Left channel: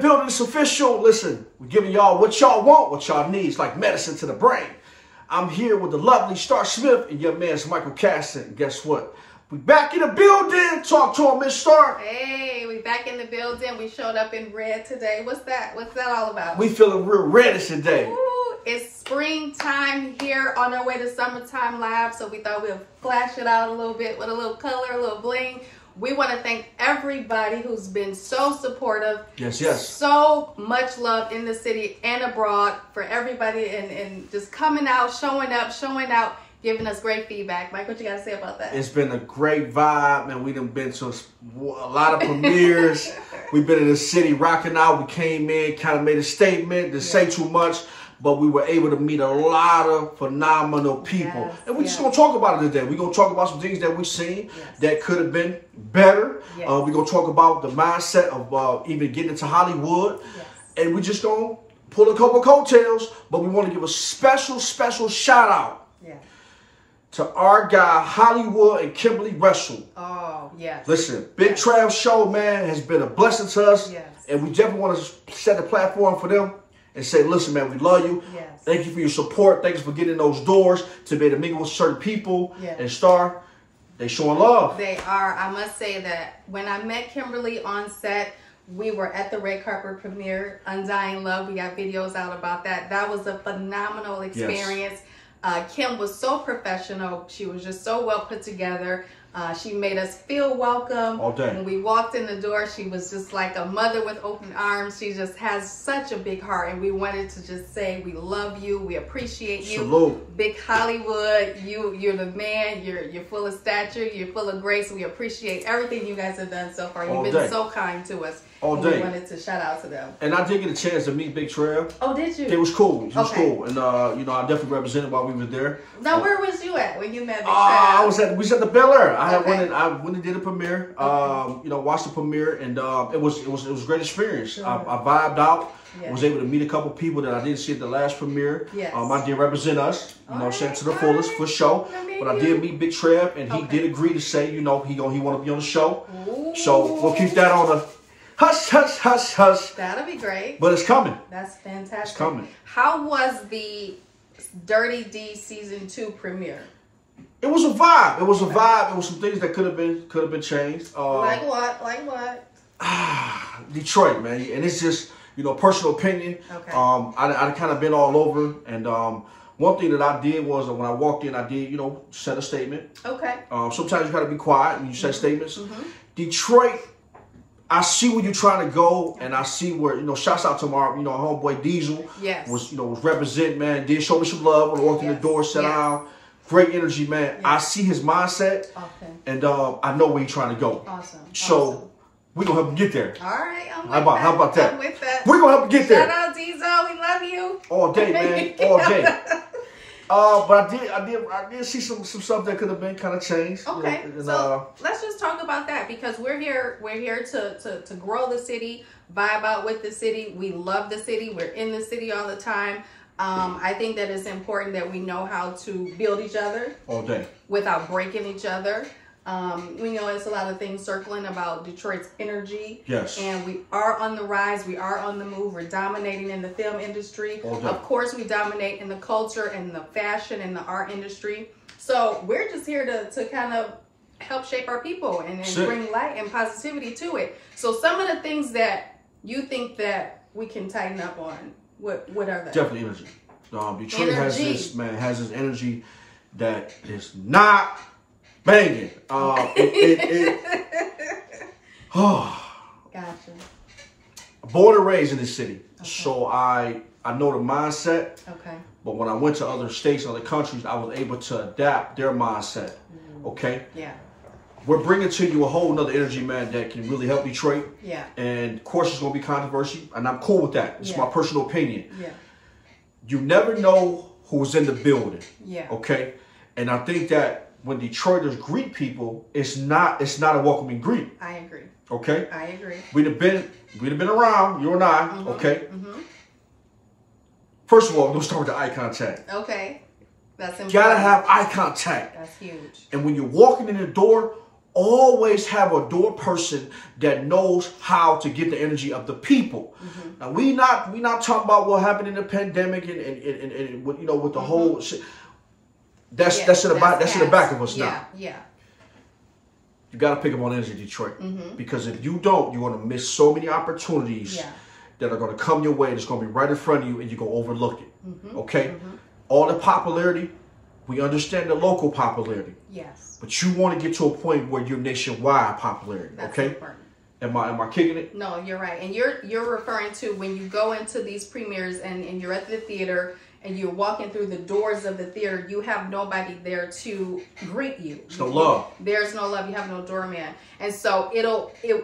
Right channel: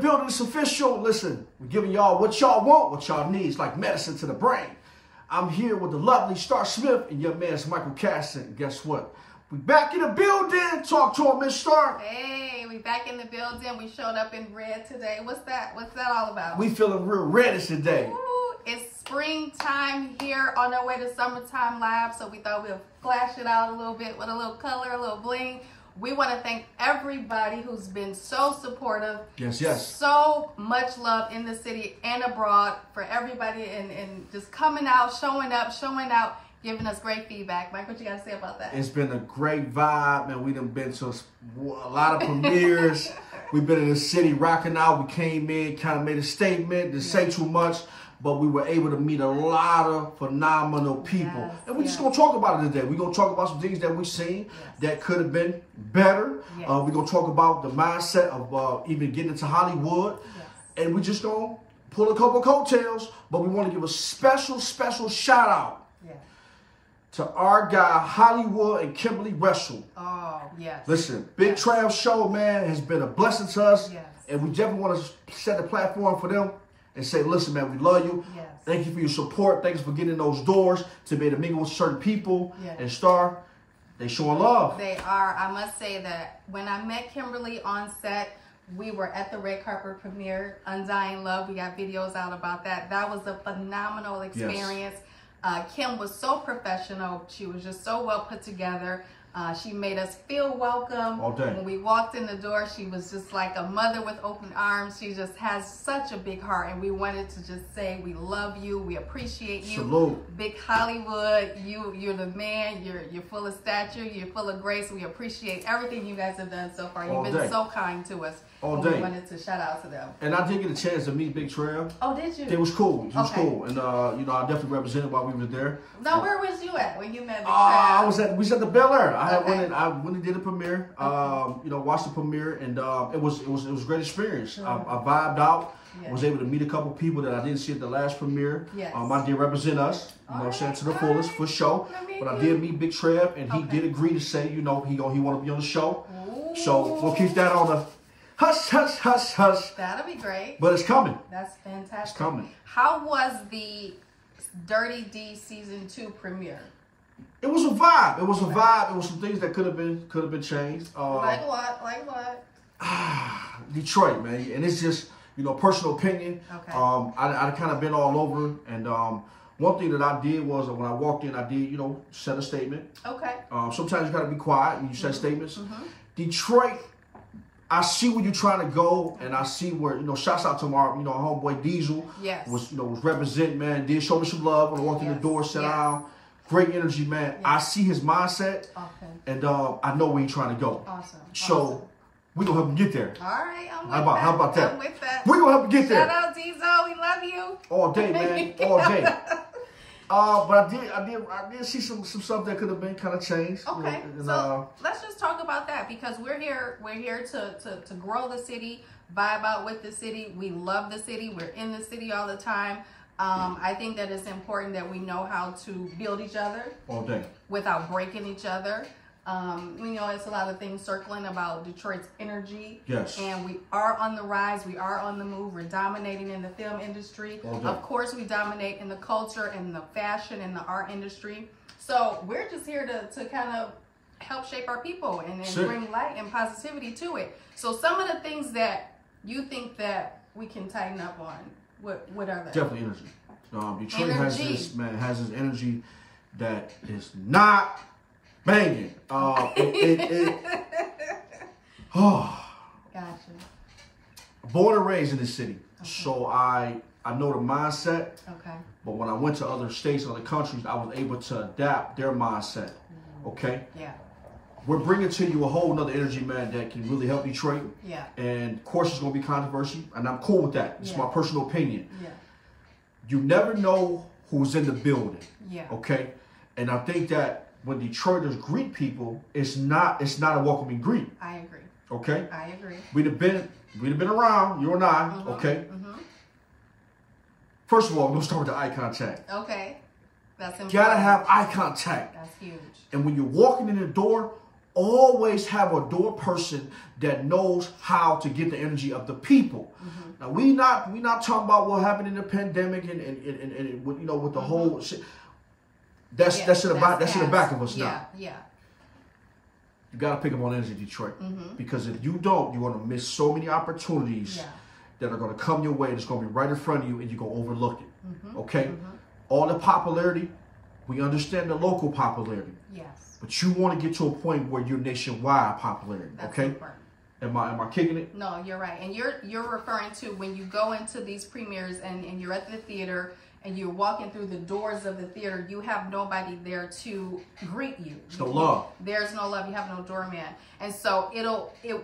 building. It's official. Listen, we're giving y'all what y'all want, what y'all need. It's like medicine to the brain. I'm here with the lovely Star Smith and your man's Michael Caston. And guess what? We back in the building. Talk to him, Miss Star. Hey, we back in the building. We showed up in red today. What's that all about? We feeling real reddish today. Ooh, it's springtime here on our way to Summertime Live, so we thought we'd flash it out a little bit with a little color, a little bling. We want to thank everybody who's been so supportive. Yes, yes. So much love in the city and abroad for everybody and just coming out, showing out, giving us great feedback. Mike, what you got to say about that? It's been a great vibe, man. We done been to a lot of premieres. We've been in the city rocking out. We came in, kind of made a statement, didn't say too much, but we were able to meet a lot of phenomenal people. Yes, and we're just going to talk about it today. We're going to talk about some things that we've seen that could have been better. Yes. We're going to talk about the mindset of even getting into Hollywood. Yes. And we're just going to pull a couple of coattails, but we want to give a special shout out to our guy, Hollywood and Kimberly Russell. Oh, yes. Listen, Big Trav Show, man, has been a blessing to us. Yes. And we definitely want to set the platform for them and say, listen, man, we love you. Yes. Thank you for your support. Thanks for getting those doors to be able to mingle with certain people. Yes. And Star, they showing love. They are. I must say that when I met Kimberly on set, we were at the red carpet premiere, Undying Love. We got videos out about that. That was a phenomenal experience. Yes. Kim was so professional. She was just so well put together. She made us feel welcome. All day. When we walked in the door, she was just like a mother with open arms. She just has such a big heart, and we wanted to just say we love you, we appreciate you. Salute. Big Hollywood, you're the man. You're full of stature. You're full of grace. We appreciate everything you guys have done so far. You've been so kind to us. All day. We wanted to shout out to them. And I did get a chance to meet Big Trav. Oh, did you? It was cool. It was cool. And, you know, I definitely represented while we were there. Now, where was you at when you met Big Trav? I was at the Bel Air. I went and did a premiere. You know, watched the premiere, and it was a great experience. Sure. I vibed out. Yeah. Was able to meet a couple people that I didn't see at the last premiere. Yes. I did represent us, you know, saying to the fullest for sure. But I did meet Big Trav, and he did agree to say, you know, he want to be on the show. Ooh. So we'll keep that on the hush, hush, hush, hush. That'll be great. But it's coming. That's fantastic. It's coming. How was the Dirty D Season 2 premiere? It was a vibe. It was a vibe. There was some things that could have been changed. Like what? Like what? Detroit, man. And it's just, you know, personal opinion. Okay. I kind of been all over. And one thing that I did was when I walked in, I did, you know, set a statement. Okay. Sometimes you got to be quiet when you say statements. Detroit, I see where you're trying to go, and I see where, you know, shouts out to my, you know, homeboy Diesel. Yes. Was representing, man. Did show me some love when I walked in the door, sat down. Great energy, man. Yes. I see his mindset, and I know where he's trying to go. Awesome. So we're going to help him get there. All right. How about that? I'm with that. We're going to help him get there. Shout out, Diesel. We love you. All day, man. All day. But I did see some stuff that could have been kind of changed. Okay, you know, so let's just talk about that, because we're here to grow the city, vibe out with the city. We love the city. We're in the city all the time. I think that it's important that we know how to build each other all day without breaking each other. We know it's a lot of things circling about Detroit's energy. Yes. And we are on the rise. We are on the move. We're dominating in the film industry. Of course, we dominate in the culture and the fashion and the art industry. So we're just here to kind of help shape our people and bring light and positivity to it. So some of the things that you think that we can tighten up on, what are they? Definitely energy. Detroit has this energy that is not banging. Gotcha. Born and raised in this city, so I know the mindset. Okay. But when I went to other states, other countries, I was able to adapt their mindset. Okay. Yeah. We're bringing to you a whole nother energy, man, that can really help Detroit. Yeah. And of course, it's gonna be controversy, and I'm cool with that. It's my personal opinion. Yeah. You never know who's in the building. Yeah. Okay. And I think that when Detroiters greet people, it's not a welcoming greet. I agree. Okay? I agree. We'd have been around, you and I, okay? First of all, we're gonna start with the eye contact. Okay. That's important. Gotta have eye contact. That's huge. And when you're walking in the door, always have a door person that knows how to get the energy of the people. Now we not talking about what happened in the pandemic and you know, with the whole shit. That's in the back of us now. Yeah. You got to pick up on energy, Detroit, because if you don't, you're going to miss so many opportunities that are going to come your way. That's going to be right in front of you, and you're going to overlook it. Okay, all the popularity, we understand the local popularity. Yes. But you want to get to a point where you're nationwide popularity. That's okay. Important. Am I kicking it? No, you're right, and you're referring to when you go into these premieres and you're at the theater. And you're walking through the doors of the theater, you have nobody there to greet you. There's no love. There's no love. You have no doorman. And so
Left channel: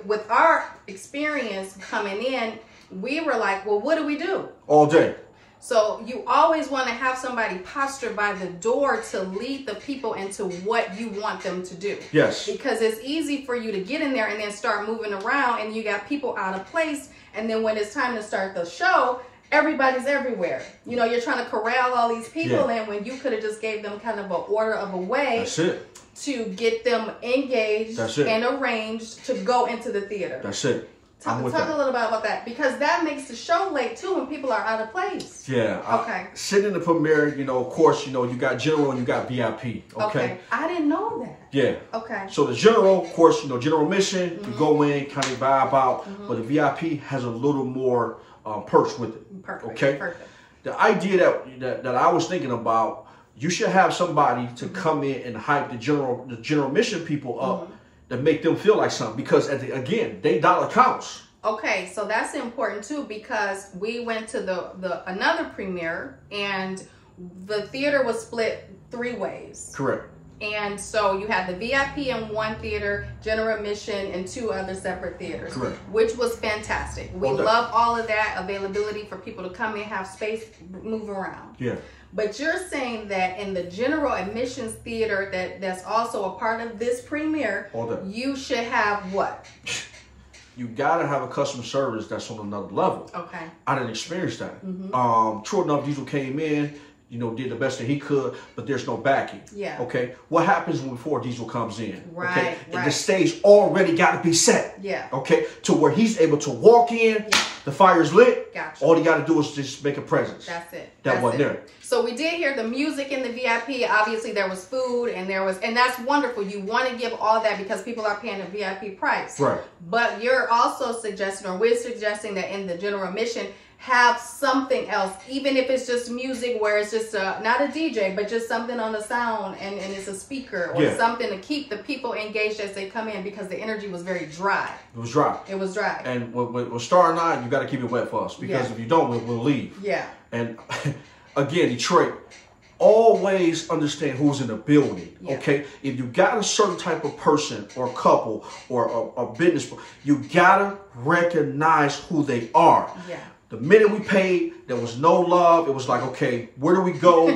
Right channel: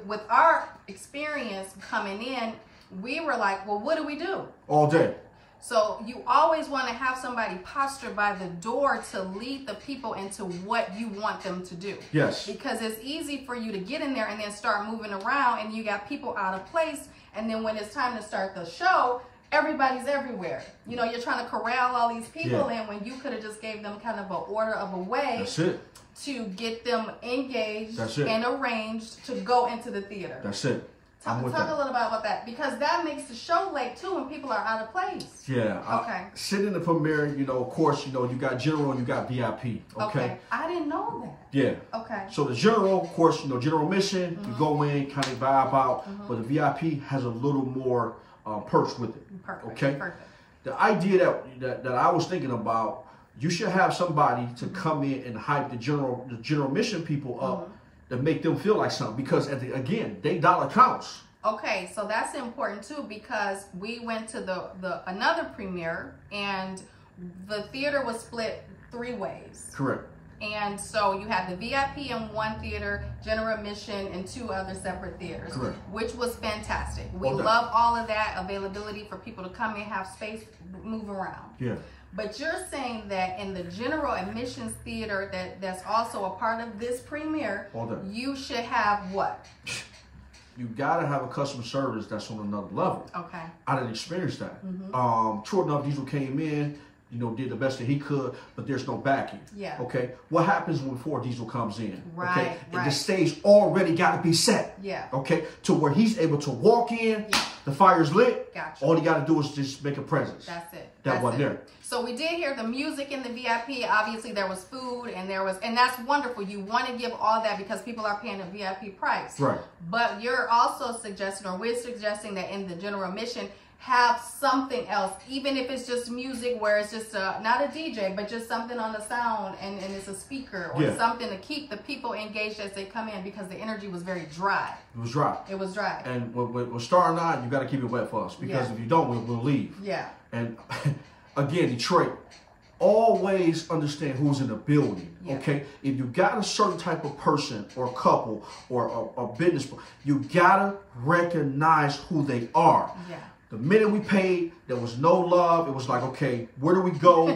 with our experience coming in, we were like, well, what do we do? All day. So you always want to have somebody postured by the door to lead the people into what you want them to do. Yes. Because it's easy for you to get in there and then start moving around, and you got people out of place. And then when it's time to start the show, everybody's everywhere. You know, you're trying to corral all these people in when you could have just gave them kind of an order of a way. That's it. To get them engaged and arranged to go into the theater. That's it. Talk a little bit about that, because that makes the show late too when people are out of place. Yeah. Okay. Sitting in the premiere, you know, of course, you know, you got general and you got VIP. Okay. I didn't know that. Yeah. Okay. So the general, of course, you know, general mission, you go in, kind of vibe out, but the VIP has a little more perks with it. Perfect. Okay. Perfect. The idea that I was thinking about, you should have somebody to come in and hype the general mission people up to make them feel like something, because again, they dollar counts. Okay, so that's important too, because we went to the another premiere and the theater was split 3 ways. Correct. And so you had the VIP in one theater, general admission in 2 other separate theaters. Correct. Which was fantastic. We love all of that availability for people to come in, have space, move around. Yeah. But you're saying that in the general admissions theater that's also a part of this premiere, you should have what? You gotta have a customer service that's on another level. Okay. I didn't experience that. True enough, Diesel came in, you know, did the best that he could, but there's no backing. Yeah. Okay. What happens before Diesel comes in? Right. Okay. And the stage already got to be set. Yeah. Okay. To where he's able to walk in, the fire's lit. Gotcha. All he got to do is just make a presence. That's it. That wasn't there. So we did hear the music in the VIP. Obviously, there was food and that's wonderful. You want to give all that because people are paying a VIP price. Right. But you're also suggesting, or we're suggesting, that in the general admission, have something else, even if it's just music where it's just not a DJ, but just something on the sound and it's a speaker or something to keep the people engaged as they come in, because the energy was very dry. It was dry. It was dry. And with Star and I, you got to keep it wet for us, because if you don't, we'll leave. Yeah. And again, Detroit, always understand who's in the building, okay? If you got a certain type of person or couple or a business, you got to recognize who they are. Yeah. The minute we paid, there was no love. It was like, okay, where do we go?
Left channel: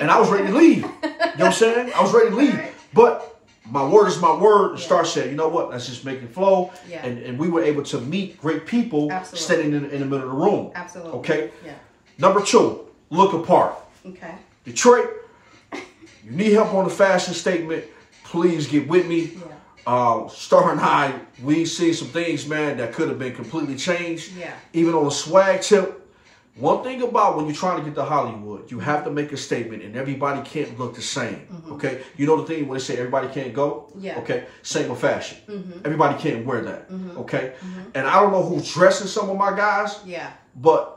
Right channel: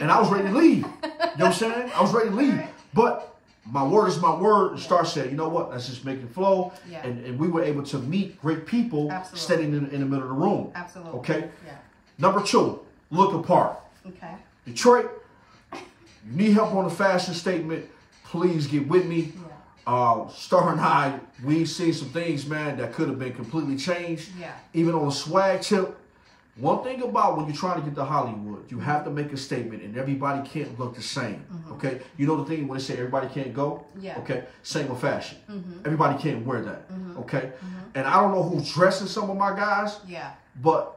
And I was ready to leave. You know what I'm saying? I was ready to leave. Right. But my word is my word. The Star said, you know what? Let's just make it flow. Yeah. And we were able to meet great people standing in the middle of the room. Absolutely. Okay? Yeah. Number 2, look apart. Okay. Detroit, you need help on the fashion statement, please get with me. Yeah. Star and I, we see some things, man, that could have been completely changed. Yeah. Even on a swag tip. One thing about when you're trying to get to Hollywood, you have to make a statement, and everybody can't look the same. Okay? You know the thing when they say everybody can't go? Yeah. Okay? Same with fashion. Everybody can't wear that. Okay? And I don't know who's dressing some of my guys. Yeah. But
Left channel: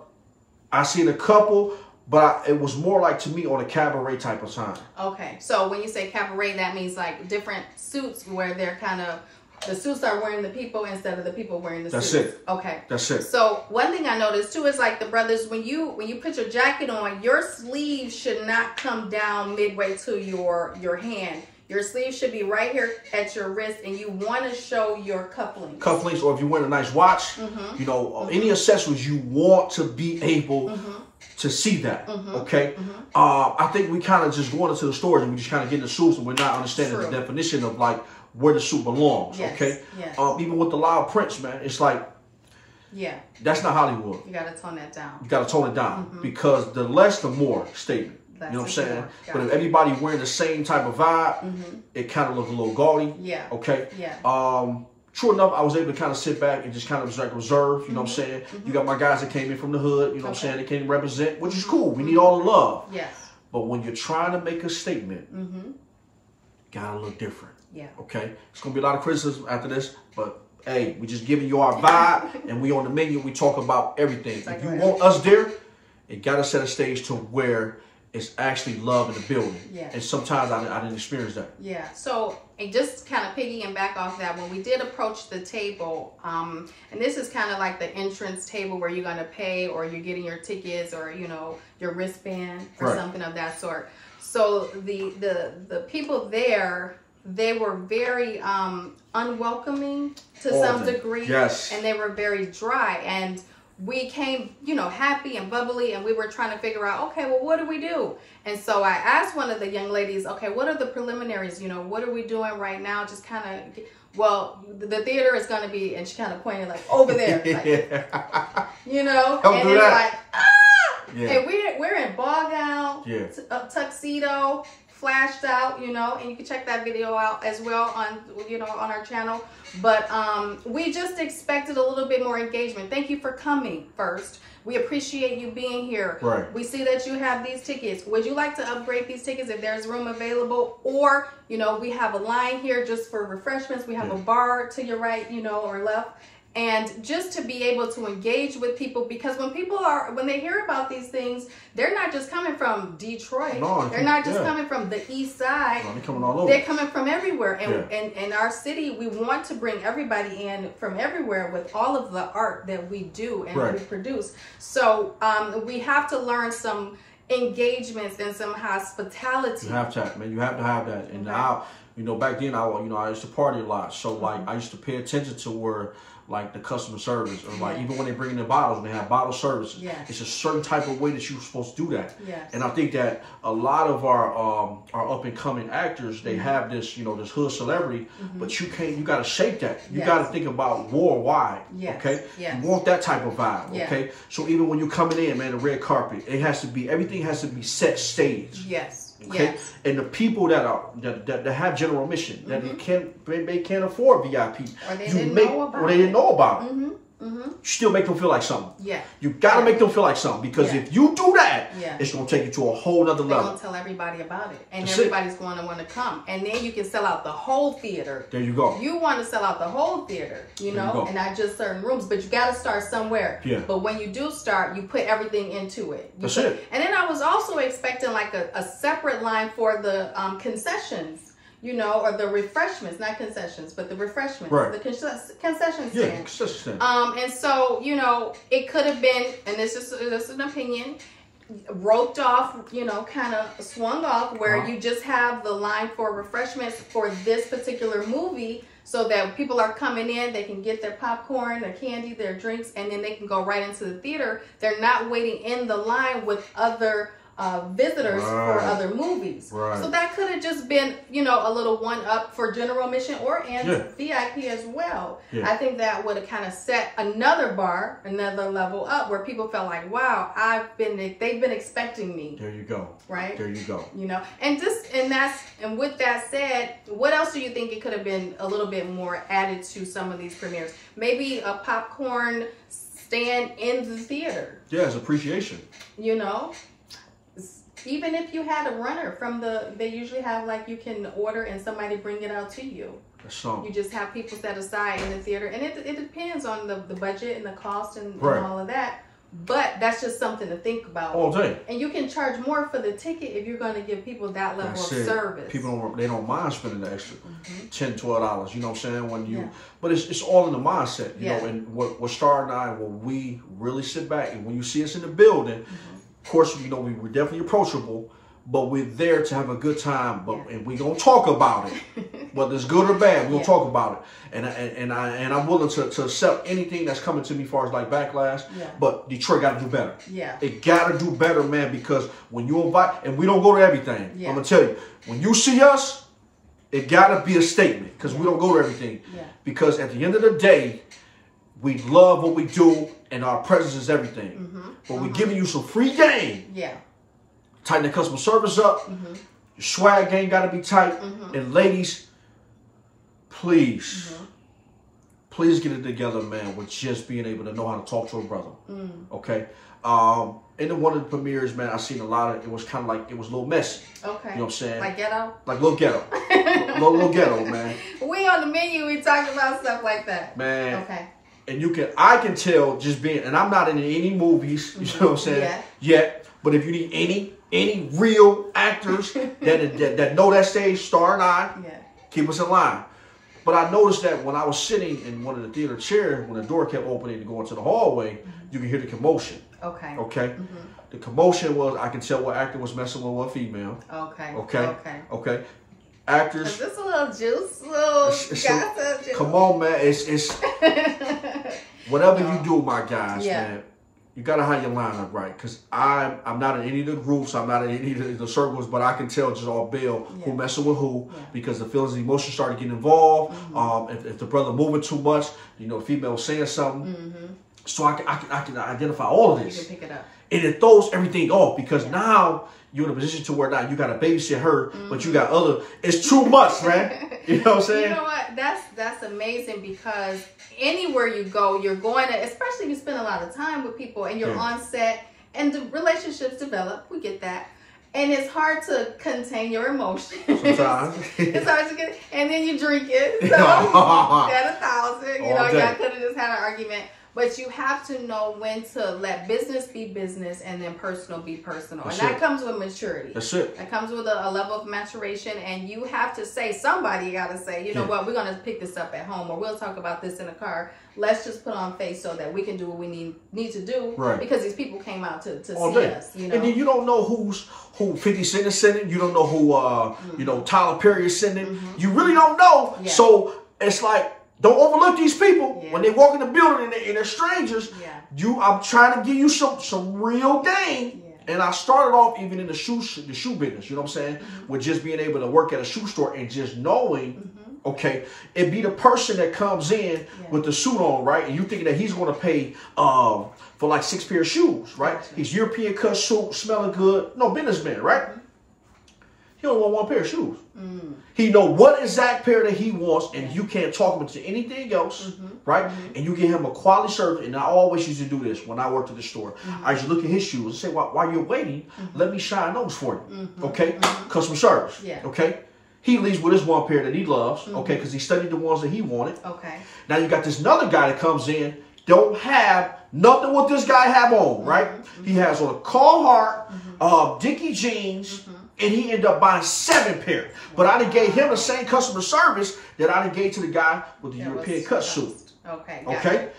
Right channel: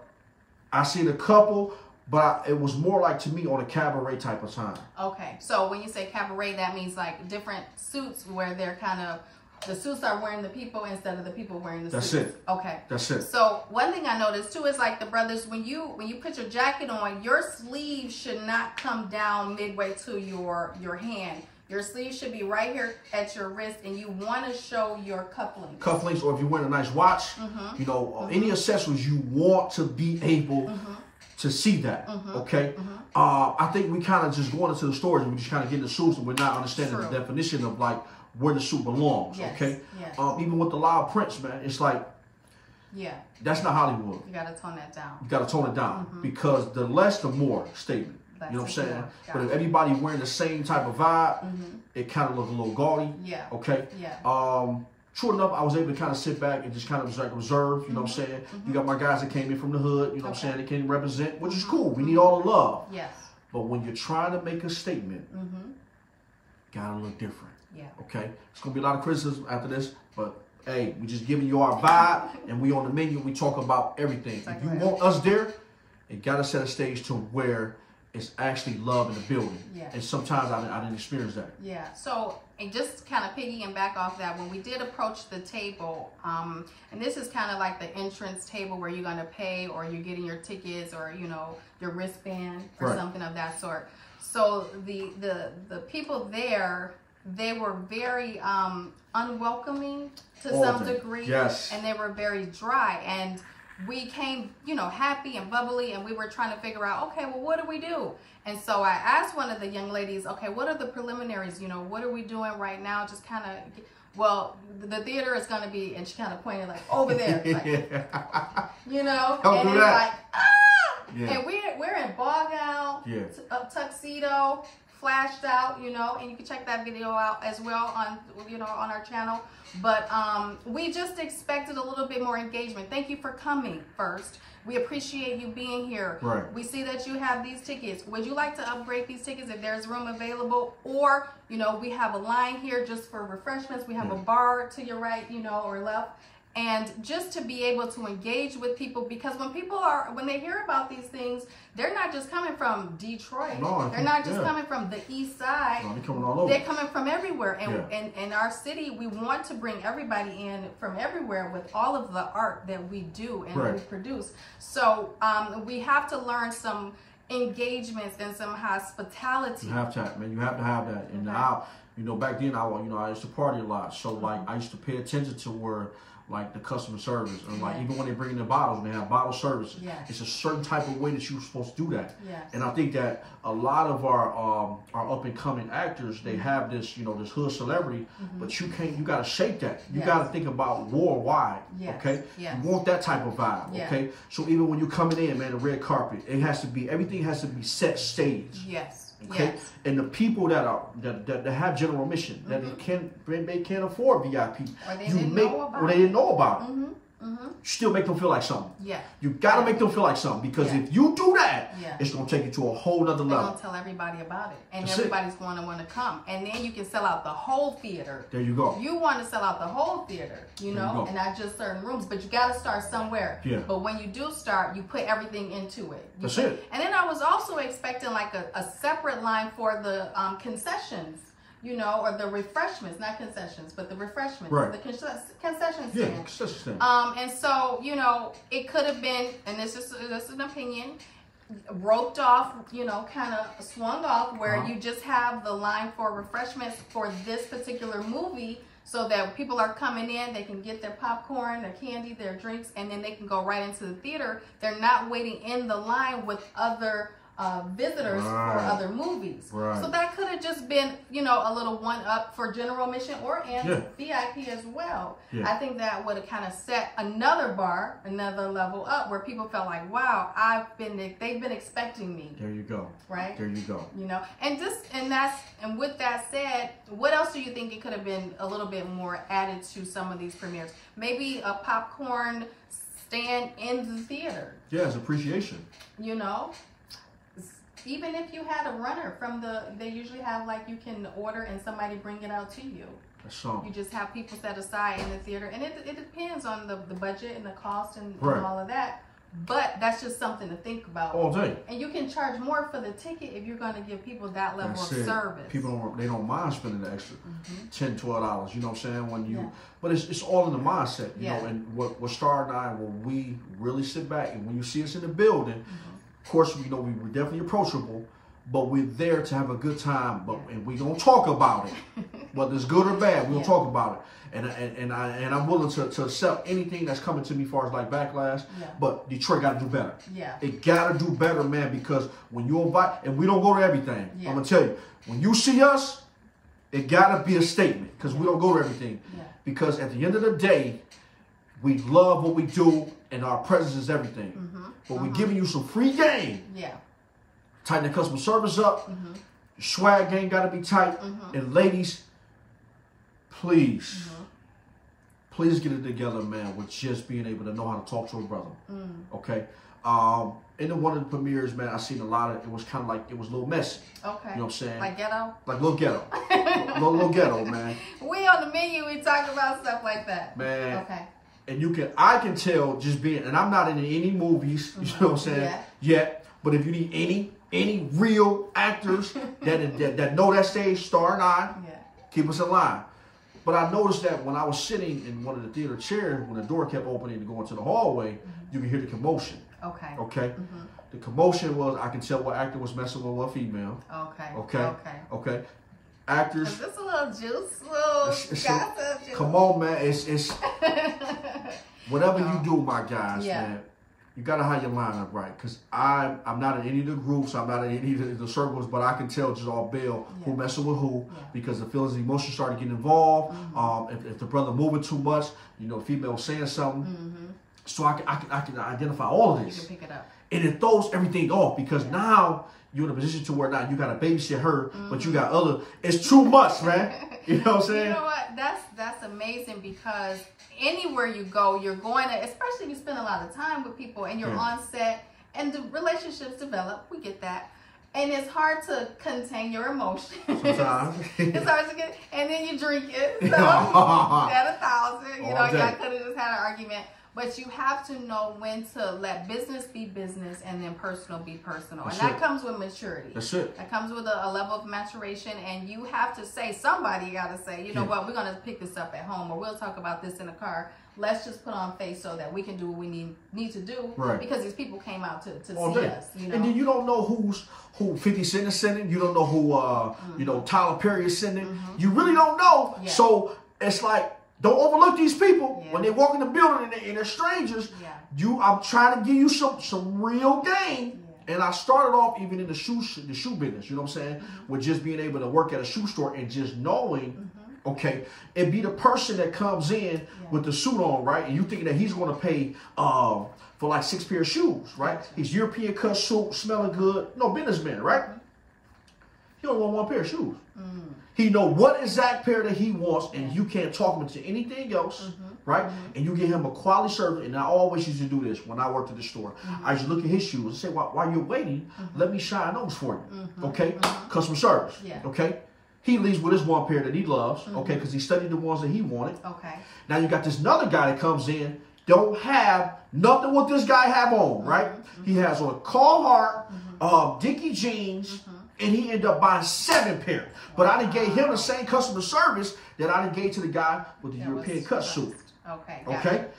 I seen a couple. But it was more like, to me, on a cabaret type of time. Okay. So when you say cabaret, that means like different suits where they're kind of, the suits are wearing the people instead of the people wearing the suits. That's it. Okay. That's it. So one thing I noticed too is like the brothers, when you put your jacket on, your sleeve should not come down midway to your hand. Your sleeve should be right here at your wrist, and you want to show your cufflinks. Cufflinks, or if you're wearing a nice watch, you know, any accessories, you want to be able to see that, okay? I think we kind of just going into the stores and we just kind of get the suits, and we're not understanding the definition of like where the suit belongs, okay? Yes. Even with the loud prints, man, it's like, that's not Hollywood. You got to tone that down. You got to tone it down, because the less, the more statement. You know what I'm saying? But if everybody wearing the same type of vibe, it kind of look a little gaudy. Yeah. Okay. Yeah. True enough, I was able to kind of sit back and just kind of like reserve, you know what I'm saying? You got my guys that came in from the hood, you know what I'm saying? They came to represent, which is cool. We need all the love. Yes. But when you're trying to make a statement, gotta look different. Yeah. Okay? It's going to be a lot of criticism after this, but hey, we just giving you our vibe, and we on the menu, we talk about everything. If you want us there, it gotta set a stage to where it's actually love in the building. Yeah. And sometimes I didn't experience that. Yeah. So, and just kind of piggying back off that, when we did approach the table, and this is kind of like the entrance table where you're going to pay, or you're getting your tickets, or, you know, your wristband or something of that sort. So the people there, they were very unwelcoming to some degree. Yes. And they were very dry. And we came, you know, happy and bubbly, and we were trying to figure out, okay, well, what do we do? And so I asked one of the young ladies, okay, what are the preliminaries? You know, what are we doing right now? Just kind of, well, the theater is going to be, and she kind of pointed like over there, like, you know, Don't and do it's that. like, Yeah. and we're in ball gown, tuxedo, flashed out, you know, and you can check that video out as well on, you know, on our channel. But we just expected a little bit more engagement. Thank you for coming first. We appreciate you being here. Right. We see that you have these tickets. Would you like to upgrade these tickets if there's room available? Or, you know, we have a line here just for refreshments. We have a bar to your right, you know, or left. And just to be able to engage with people, because when they hear about these things, they're not just coming from Detroit. No, they're not just coming from the east side. No, they're coming all over. They're coming from everywhere. And in our city, we want to bring everybody in from everywhere with all of the art that we do and we produce. So we have to learn some engagements and some hospitality. You have to, man. You have to have that. And now, you know, back then, I used to party a lot. So, like, I used to pay attention to where, like, the customer service, or like even when they bring in the bottles, when they have bottle services, it's a certain type of way that you're supposed to do that. And I think that a lot of our up and coming actors, they have this, you know, this hood celebrity, but you got to shape that. You got to think about worldwide. Okay, you want that type of vibe. Okay, so even when you're coming in, man, the red carpet, everything has to be set stage. Okay, and the people that have general admission, that they can't afford VIP, or they didn't know about it. You still make them feel like something. You gotta make them feel like something, because if you do that, it's gonna take you to a whole nother level. They're gonna tell everybody about it, and everybody's going to want to come, and then you can sell out the whole theater. There you go. You want to sell out the whole theater, you know, and not just certain rooms, but you got to start somewhere. But when you do start, you put everything into it. That's it. And then I was also expecting like a separate line for the concessions. You know, or the refreshments, not concessions, but the refreshments, the concession stand. And so, you know, it could have been, and this is an opinion, roped off, you know, kind of swung off, where you just have the line for refreshments for this particular movie, so that people are coming in, they can get their popcorn, their candy, their drinks, and then they can go right into the theater. They're not waiting in the line with other visitors for other movies. So that could have just been, you know, a little one up for general admission and VIP as well. I think that would have kind of set another bar, another level up, where people felt like, wow, they've been expecting me. There you go. Right? There you go. You know, and with that said, what else do you think it could have been a little bit more added to some of these premieres? Maybe a popcorn stand in the theater. Yeah, it's appreciation. You know? Even if you had a runner they usually have, like, you can order and somebody bring it out to you. You just have people set aside in the theater, and it depends on the budget and the cost and all of that. But that's just something to think about. All day. And you can charge more for the ticket if you're going to give people that level of service. People they don't mind spending the extra $10, $12. You know what I'm saying? But it's all in the mindset. You know, and what Star and I, when we really sit back, and when you see us in the building. Of course, you know, we're definitely approachable, but we're there to have a good time. And we're gonna talk about it, whether it's good or bad. We're gonna talk about it, and I'm willing to accept anything that's coming to me as far as like backlash. But Detroit got to do better. It got to do better, man. Because when you invite, and we don't go to everything. I'm gonna tell you, when you see us, it got to be a statement, because we don't go to everything. Because at the end of the day, we love what we do, and our presence is everything. But we're giving you some free game. Tighten the customer service up. Your swag game got to be tight. And ladies, please, please get it together, man, with just being able to know how to talk to a brother. Okay? In one of the premieres, man, I seen a lot of, it was kind of like, it was a little messy. Okay. You know what I'm saying? Like ghetto? Like little ghetto. little ghetto, man. We on the menu, we talking about stuff like that. Man. Okay. And I can tell just being, and I'm not in any movies, you know what I'm saying? Yet. But if you need any real actors that know that stage, star and I, keep us in line. But I noticed that when I was sitting in one of the theater chairs, when the door kept opening to go into the hallway, you could hear the commotion. Okay. Okay. The commotion was, I can tell what actor was messing with what female. Okay. Actors. Is this a little juice? Come on, man. It's whatever you do, my guys, man. You gotta have your lineup right, because I'm not in any of the groups, I'm not in any of the circles, but I can tell just all Bill who messing with who, because the feelings and emotions started getting involved. If the brother moving too much, you know, the female saying something, so I can identify all of this. You can pick it up, and it throws everything off, because now you're in a position to where now you got to babysit her, but you got other. It's too much, man. You know what I'm saying? You know what? That's amazing, because anywhere you go, you're going to, especially if you spend a lot of time with people and you're on set and the relationships develop. We get that. And it's hard to contain your emotions. Sometimes. It's hard to get, and then you drink it. So, at 1,000, you know, y'all could have just had an argument. But you have to know when to let business be business and then personal be personal. And that comes with maturity. That's it. That comes with a level of maturation. And you have to say, somebody got to say, you know what, we're going to pick this up at home, or we'll talk about this in the car. Let's just put on face so that we can do what we need to do. Right. Because these people came out to see us. You know? And then you don't know who 50 Cent is sending. You don't know who, you know, Tyler Perry is sending. You really don't know. So it's like, don't overlook these people when they walk in the building and they're strangers. I'm trying to give you some real game. And I started off even in the shoe business, you know what I'm saying? With just being able to work at a shoe store and just knowing, okay, it be the person that comes in with the suit on, right? And you thinking that he's going to pay for like 6 pair of shoes, right? He's European cut suit, smelling good. No, businessman, right? He only want 1 pair of shoes. He know what exact pair that he wants, and you can't talk him into anything else, right? And you give him a quality service. And I always used to do this when I worked at the store. I used to look at his shoes and say, while you're waiting, let me shine those for you, okay? Customer service, okay? He leaves with his 1 pair that he loves, okay, because he studied the ones that he wanted. Okay. Now you got this another guy that comes in, don't have nothing what this guy have on, right? He has on a Carhartt, Dickie jeans, and he ended up buying 7 pairs. But I done gave him the same customer service that I done gave to the guy with the European cut suit. Okay.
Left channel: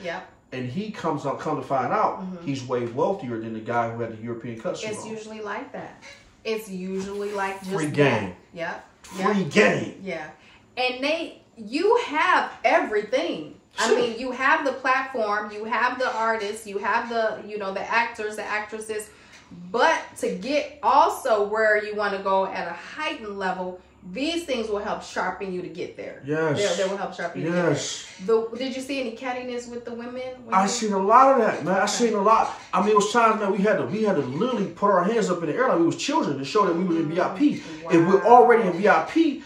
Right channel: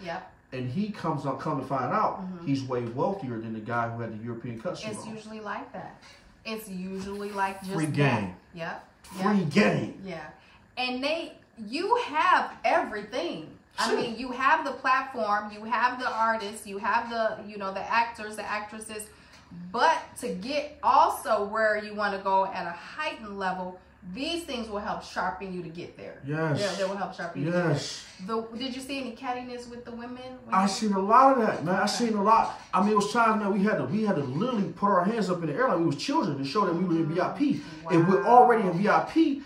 Yep. And he come to find out, he's way wealthier than the guy who had the European cut suit. It's usually like that. It's usually like just free game. Free game. Yeah. And you have everything. I mean, you have the platform, you have the artists, you have the, you know, the actors, the actresses. But to get also where you want to go at a heightened level, these things will help sharpen you to get there. Yes. They will help sharpen you to get there. Did you see any cattiness with the women? I seen a lot of that, man. I seen a lot. I mean, it was times, man, we had to literally put our hands up in the air like we was children to show that we were in VIP. Wow. If we're already in VIP,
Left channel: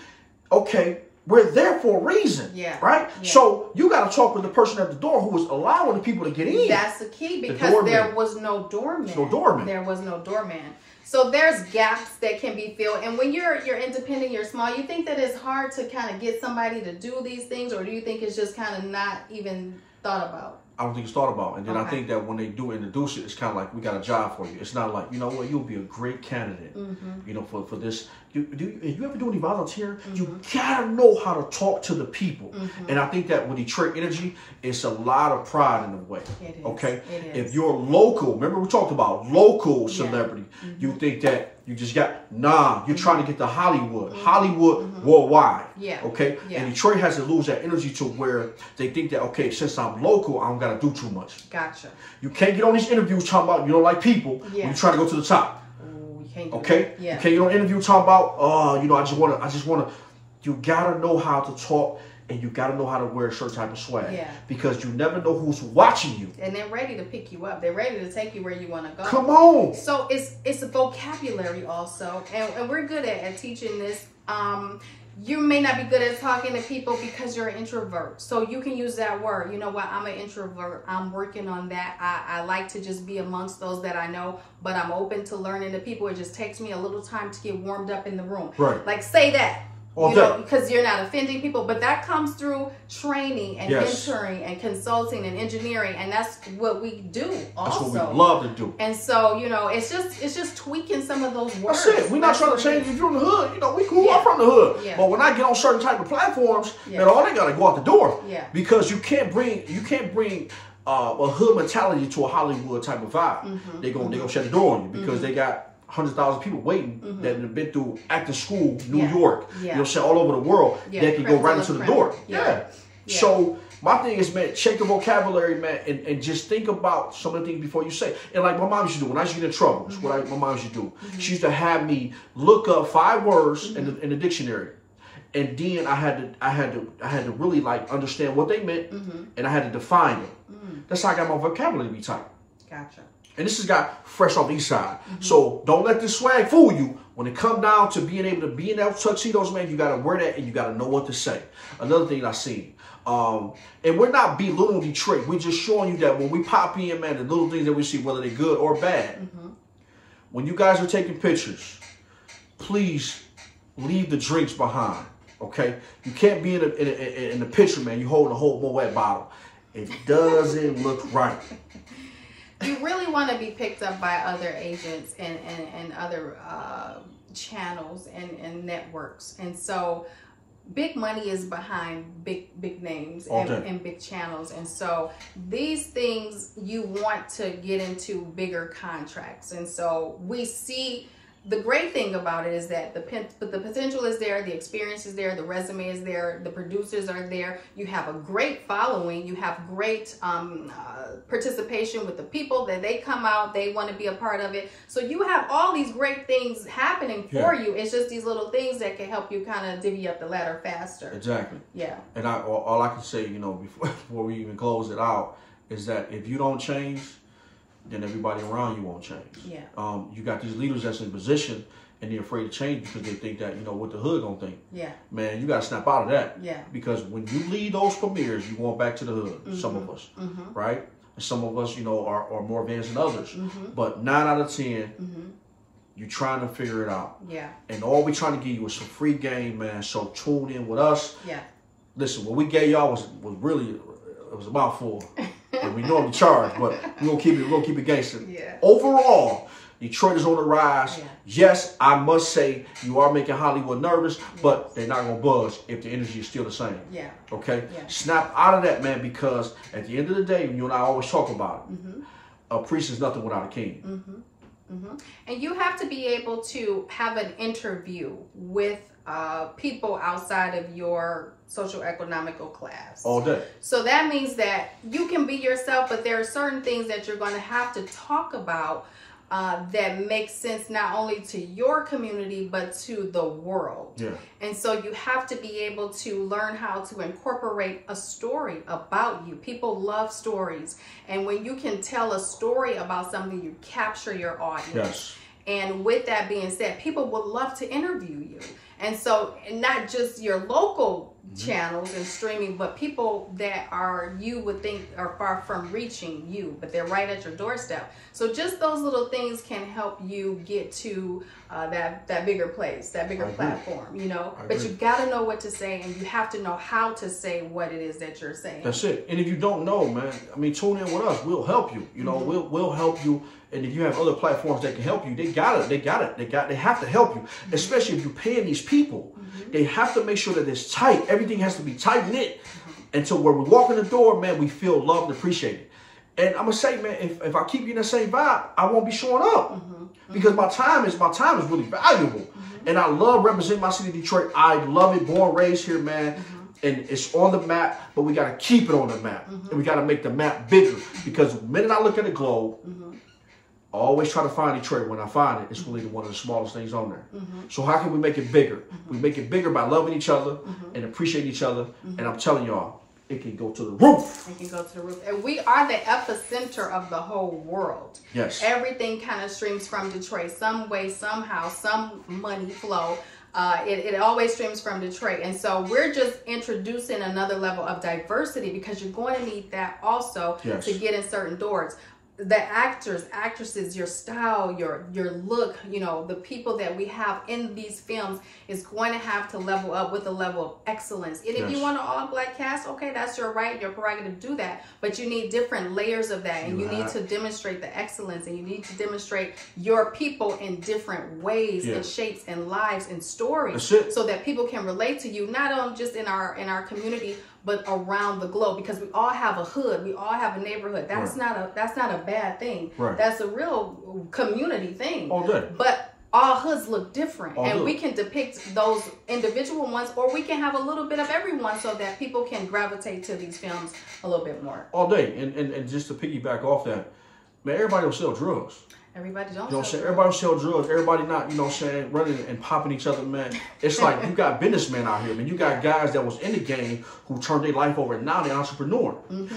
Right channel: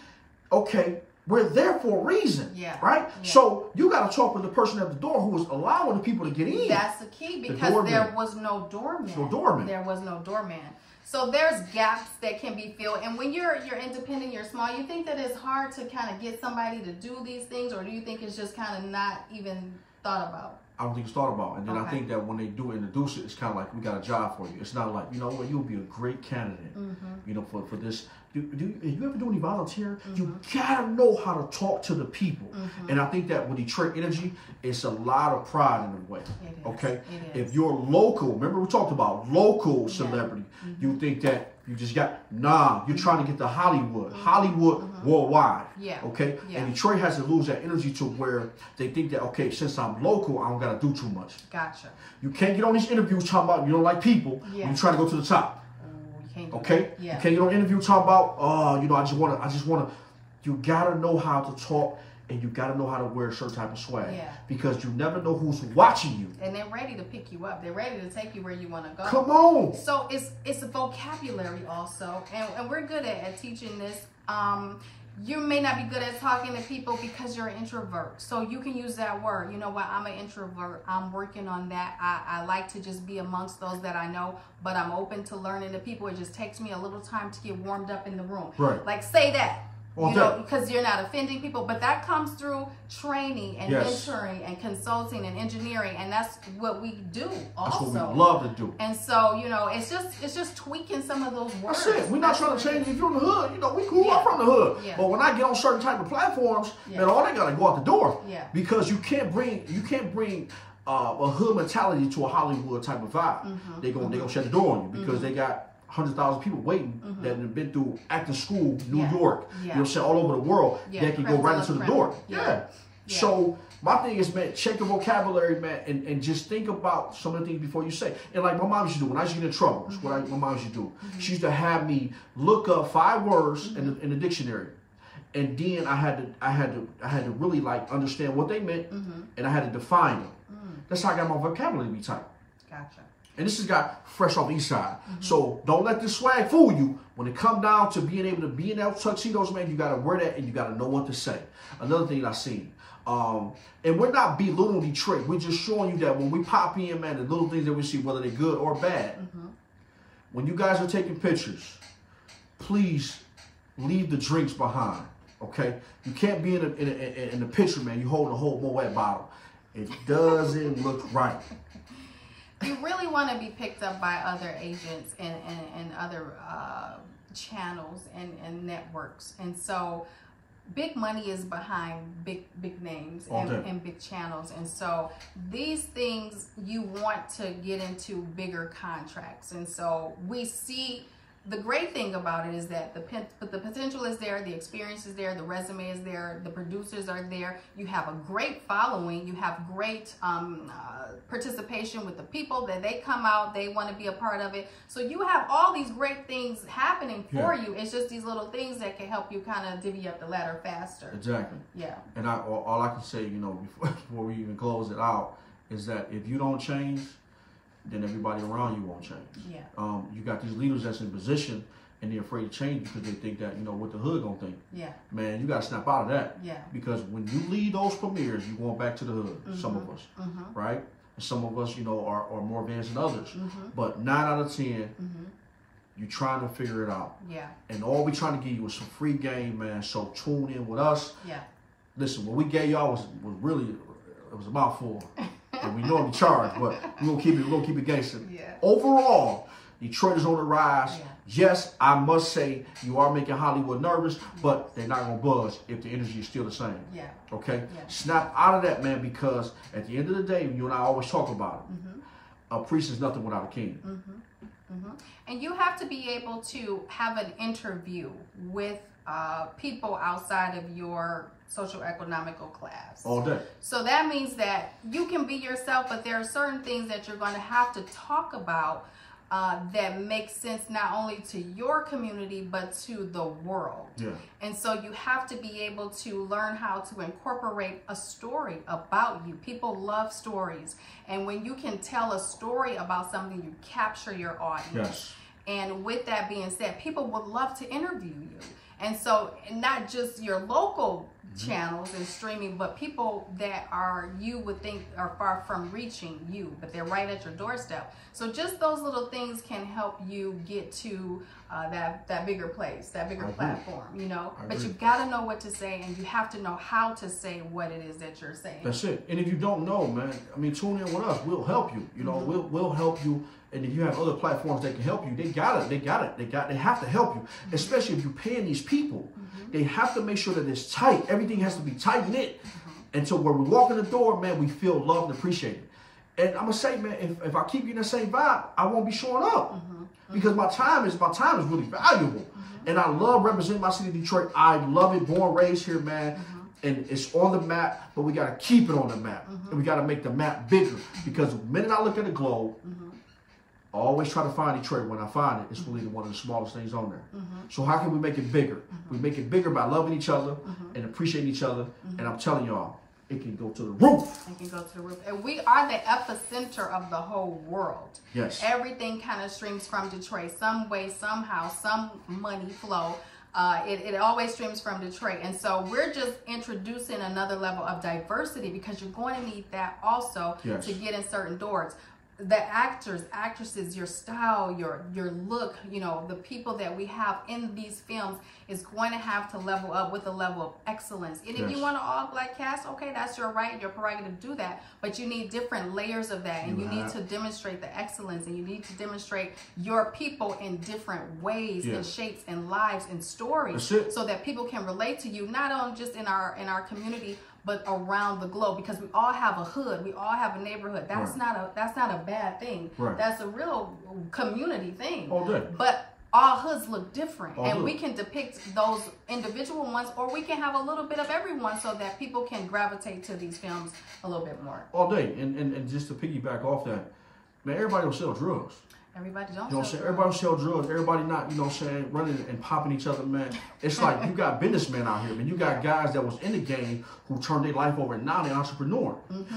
okay, we're there for a reason, right? Yeah. So you got to talk with the person at the door who was allowing the people to get in. That's the key, because there was no doorman. There was no doorman. So there's gaps that can be filled. And when you're independent, you're small, you think that it's hard to kind of get somebody to do these things, or do you think it's just kind of not even thought about? I don't think it's thought about. And then I think that when they do introduce it, it's kind of like, we got a job for you. It's not like, you know what, you'll be a great candidate, you know, for this. You ever do any volunteer? You gotta know how to talk to the people. And I think that with Detroit Energy, it's a lot of pride in the way. Okay? If you're local, remember we talked about local celebrity, you think that you just got, you're trying to get to Hollywood. Hollywood worldwide. Okay? And Detroit has to lose that energy to where they think that, okay, since I'm local, I don't gotta do too much. Gotcha. You can't get on these interviews talking about you don't like people when you're trying to go to the top. Okay? You can't get on an interview talking about, you know, I just wanna, you gotta know how to talk and you got to know how to wear a certain type of swag. Yeah. Because you never know who's watching you. And they're ready to pick you up. They're ready to take you where you want to go. Come on. So it's a vocabulary also, and we're good at teaching this. You may not be good at talking to people because you're an introvert. So you can use that word. You know what? I'm an introvert. I'm working on that. I like to just be amongst those that I know, but I'm open to learning to people. It just takes me a little time to get warmed up in the room. Right. Like say that. You know, because you're not offending people, but that comes through training and mentoring and consulting and engineering, and that's what we do also. That's what we love to do. And so, you know, it's just tweaking some of those words. That's it. We're not trying to change if you're in the hood. You know, we cool. I'm from the hood. Yeah. But when I get on certain type of platforms, man, all they gotta go out the door. Yeah. Because you can't bring a hood mentality to a Hollywood type of vibe. Mm-hmm. They gonna shut the door on you because they got 100,000 people waiting that have been through acting school, New York, you know, all over the world. They can go right into the door. Yeah. So my thing is, man, check the vocabulary, man, and just think about some of the things before you say. And like my mom used to do when I used to get in trouble, that's what my mom used to do. She used to have me look up 5 words in the dictionary. And then I had to really like understand what they meant, and I had to define them. That's how I got my vocabulary to be tight. Gotcha. And this is got fresh off the east side. So don't let this swag fool you. When it come down to being able to be in that tuxedos, man, you got to wear that and you got to know what to say. Another thing I seen. And we're not belittling Detroit. We're just showing you that when we pop in, man, the little things that we see, whether they're good or bad. When you guys are taking pictures, please leave the drinks behind, okay? You can't be in the picture, man. You hold a whole Moet bottle. It doesn't look right. You really want to be picked up by other agents and other channels and networks. And so big money is behind big names and big channels. And so these things you want to get into bigger contracts. And so we see the great thing about it is that the potential is there, the experience is there, the resume is there, the producers are there. You have a great following. You have great participation with the people that they come out, they want to be a part of it. So you have all these great things happening for you. It's just these little things that can help you kind of divvy up the ladder faster. Exactly. Yeah. And all I can say, you know, before we even close it out, is that if you don't change, then everybody around you won't change. Yeah. You got these leaders that's in position and they're afraid to change because they think that, you know, what the hood gonna think. Yeah. Man, you gotta snap out of that. Yeah. Because when you lead those premieres, you're going back to the hood. Some of us, right? And some of us, you know, are more advanced than others. But 9 out of 10, you're trying to figure it out. Yeah. And all we're trying to give you is some free game, man. So tune in with us. Yeah. Listen, what we gave y'all was really, it was a mouthful. And we normally charge, but we're gonna keep it gangster. Yeah. Overall, Detroit is on the rise. Yeah. Yes, I must say you are making Hollywood nervous, but they're not gonna budge if the energy is still the same. Yeah. Okay? Yeah. Snap out of that, man, because at the end of the day, you and I always talk about it. A priest is nothing without a king. And you have to be able to have an interview with people outside of your social economical class. All day. So that means that you can be yourself, but there are certain things that you're going to have to talk about that make sense not only to your community, but to the world. Yeah. And so you have to be able to learn how to incorporate a story about you. People love stories. And when you can tell a story about something, you capture your audience. Yes. And with that being said, people would love to interview you. And so not just your local channels and streaming, but people that you would think are far from reaching you, but they're right at your doorstep. So just those little things can help you get to that bigger place, that bigger platform, you know. But you got to know what to say, and you have to know how to say what it is that you're saying. That's it. And if you don't know, man, I mean, tune in with us. We'll help you. You know, we'll help you. And if you have other platforms that can help you, they have to help you. Especially if you're paying these people, they have to make sure that it's tight. Everything has to be tight knit. Until when we walk in the door, man, we feel loved and appreciated. And I'm gonna say, man, if I keep you in that same vibe, I won't be showing up because my time is really valuable. And I love representing my city, Detroit. I love it. Born, raised here, man. And it's on the map, but we gotta keep it on the map, and we gotta make the map bigger. Because the minute I look at the globe, always try to find Detroit. When I find it, it's really one of the smallest things on there. So how can we make it bigger? We make it bigger by loving each other and appreciating each other. And I'm telling y'all, it can go to the roof. It can go to the roof. And we are the epicenter of the whole world. Yes. Everything kind of streams from Detroit. Some way, somehow, some money flow. It always streams from Detroit. And so we're just introducing another level of diversity because you're going to need that also to get in certain doors. The actors, actresses, your style, your look, you know, the people that we have in these films is going to have to level up with a level of excellence. And if you want an all-black cast, okay, that's your right, your prerogative to do that. But you need different layers of that, and you need to demonstrate the excellence, and you need to demonstrate your people in different ways and shapes and lives and stories, so that people can relate to you, not only just in our community, but around the globe, because we all have a hood, we all have a neighborhood. That's not a bad thing. That's a real community thing. All day. But all hoods look different, and we can depict those individual ones, or we can have a little bit of everyone, so that people can gravitate to these films a little bit more. All day. And just to piggyback off that, man, everybody don't sell drugs. Everybody don't. You know what I'm saying? Everybody sell drugs. Everybody not, you know what I'm saying, running and popping each other, man. It's like you got businessmen out here, man. You got guys that was in the game who turned their life over, and now they're entrepreneur.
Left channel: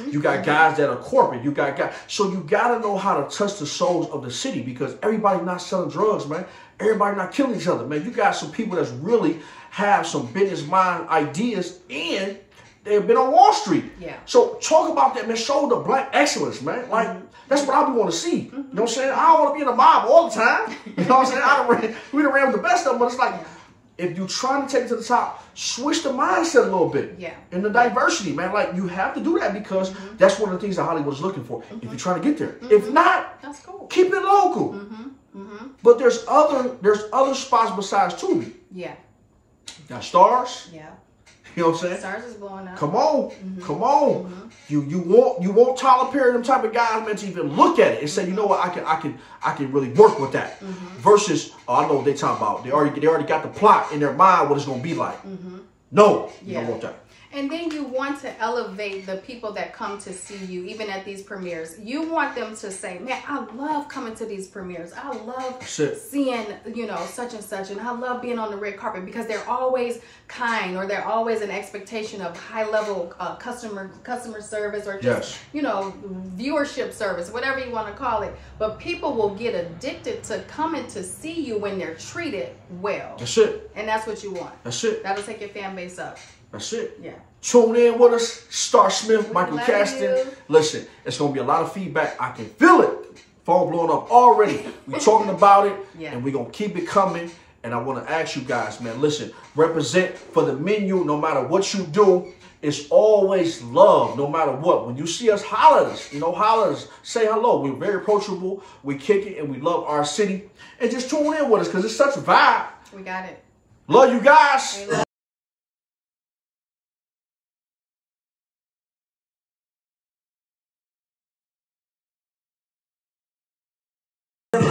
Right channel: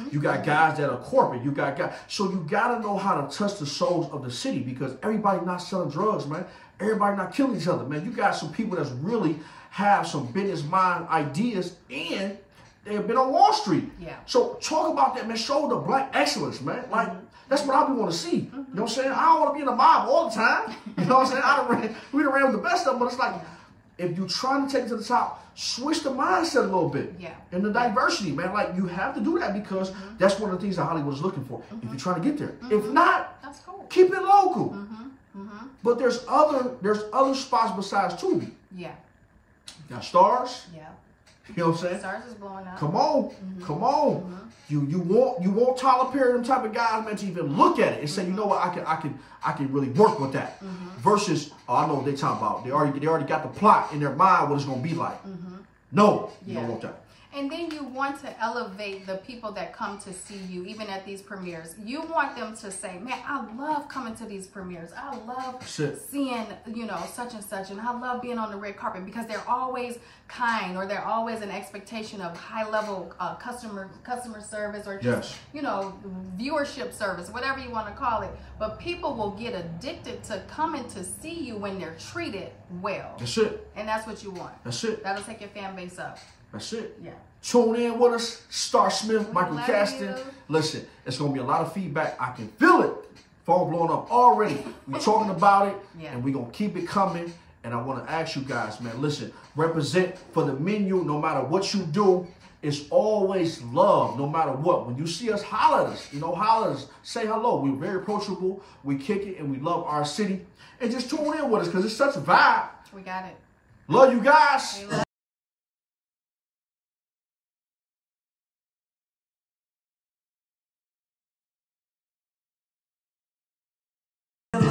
You got guys that are corporate. You got guys. So you got to know how to touch the souls of the city, because everybody not selling drugs, man. Everybody not killing each other, man. You got some people that's really have some business mind ideas, and they've been on Wall Street. So talk about that, man. Show the black excellence, man. Like, that's what I want to see. You know what I'm saying? I don't want to be in a mob all the time. You know what I'm saying? We done ran with the best of them, but it's like, if you're trying to take it to the top, switch the mindset a little bit. And the diversity, man. Like, you have to do that, because that's one of the things that Hollywood is looking for, if you're trying to get there. If not, keep it local. But there's other spots besides Tubi. You got Stars. You know what I'm saying? Stars is blowing up. Come on, come on. You want Tyler Perry, them type of guys, man, to even look at it and say, you know what, I can really work with that. Versus, I know what they talking about. They already got the plot in their mind what it's gonna be like. No, you don't want that. And then you want to elevate the people that come to see you, even at these premieres. You want them to say, man, I love coming to these premieres. I love seeing, you know, such and such. And I love being on the red carpet, because they're always kind, or they're always an expectation of high-level customer service, or just, you know, viewership service, whatever you want to call it. But people will get addicted to coming to see you when they're treated well. That's it. And that's what you want. That's it. That'll take your fan base up. That's it. Tune in with us. Star Smith, Michael Caston. Listen, it's going to be a lot of feedback. I can feel it. Phone blowing up already. We're talking about it, and we're going to keep it coming. And I want to ask you guys, man, listen, represent for the menu. No matter what you do, it's always love, no matter what. When you see us, holler at us. You know, holler at us. Say hello. We're very approachable. We kick it, and we love our city. And just tune in with us, because it's such a vibe. We got it. Love you guys.